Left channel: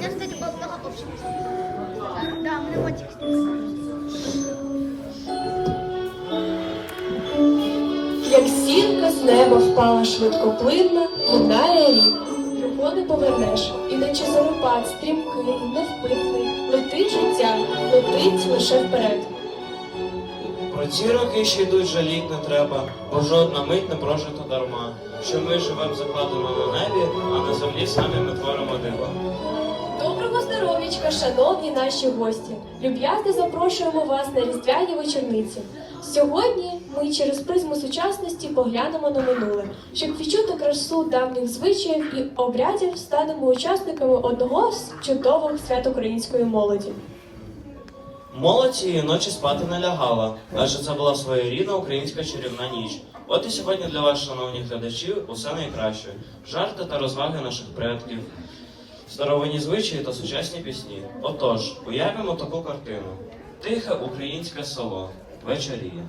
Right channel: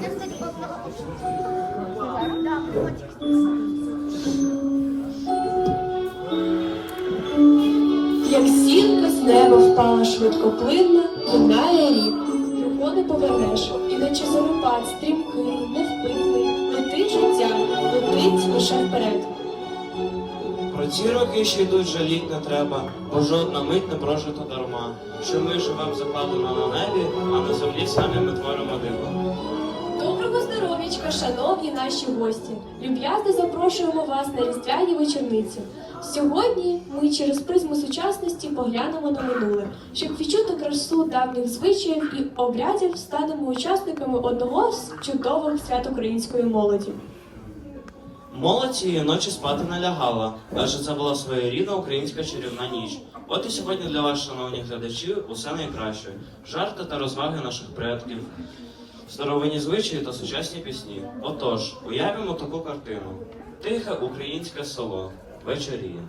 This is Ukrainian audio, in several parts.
Я было много общего. Да, Як сірка з неба впала швидкоплинна, минає рік. Його не повернеш, ідучи зарупат, стрімкий, невпинний, летить життя, летить лише вперед. Ці роки ще йдуть жаліть не треба, бо жодна мить не прожита дарма. Що ми живемо закладено на небі, а на землі самі ми творимо диво. Доброго здоров'ячка, шановні наші гості! Люб'язно запрошуємо вас на різдвяні вечорниці. Сьогодні ми через призму сучасності поглянемо на минуле, щоб відчути красу давніх звичаїв і обрядів, станемо учасниками одного з чудових свят української молоді. Молодь цієї ночі спати не лягала, адже це була своєрідна українська чарівна ніч. От і сьогодні для вас, шановні глядачі, усе найкраще. Жарти та розваги наших предків, старовинні звичаї та сучасні пісні. Отож, уявимо таку картину: тихе українське село. Вечоріє.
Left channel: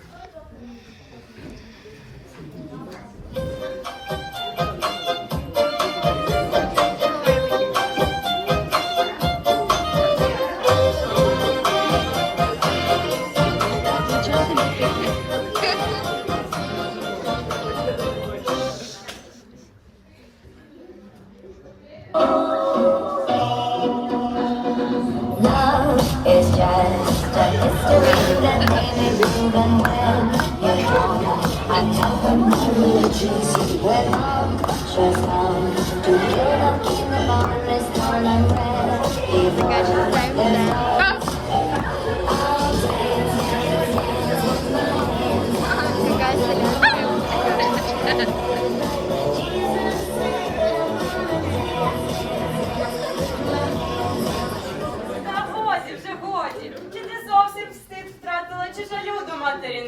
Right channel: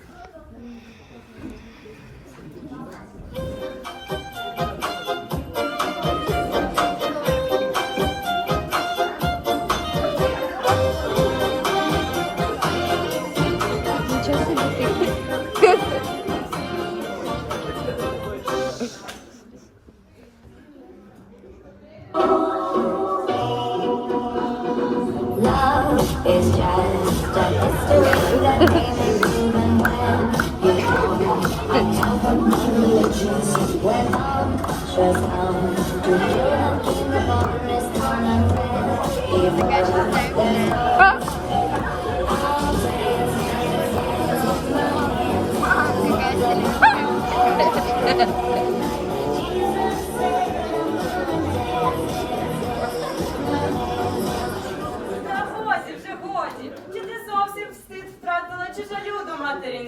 is just a history that didn't even when you come. I come to Jesus when love should come to kill the kingdom of his and prayer. Even when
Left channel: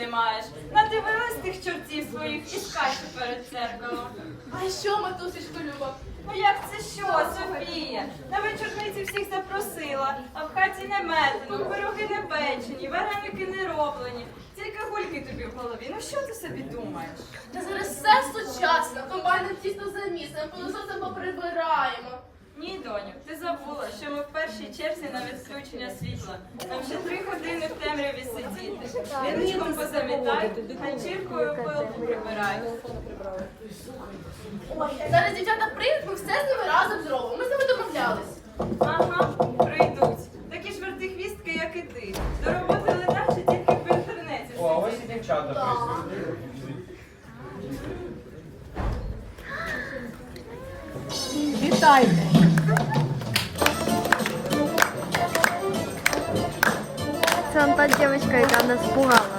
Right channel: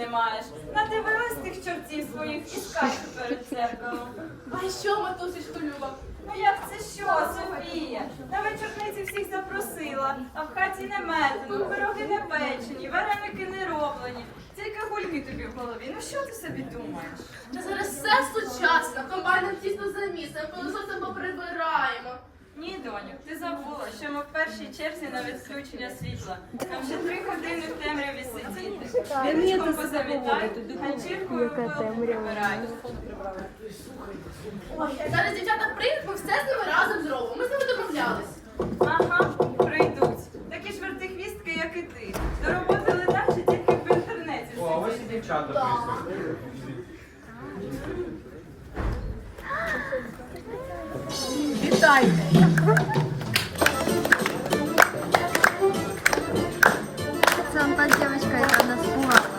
маєш? Надивилась тих чортів своїх і скачу перед церквою. А що, матусечко Люба? Ну як це що, Софія? На вечорниці всіх запросила, а в хаті не метено, пироги не печені, вареники не роблені. Тільки гульки тобі в голові. Ну що ти собі думаєш? Та зараз все сучасно, комбайном тісно замісимо, пилососом поприбираємо. Ні, доню, ти забула, що ми в першій черзі на відключення світла. Нам ще три години в темряві сидіти. Віничком позамітай, ганчіркою пилку прибирай. Зараз дівчата прийдуть, ми все з ними разом зробимо. Ми з ними домовлялись. Ага, прийдуть. Такі ж вертихвістки, як і ти. До роботи ледачі тільки в інтернеті. О, а ось і дівчата Так. Вітайте! Он та девочка, яка нас пугала.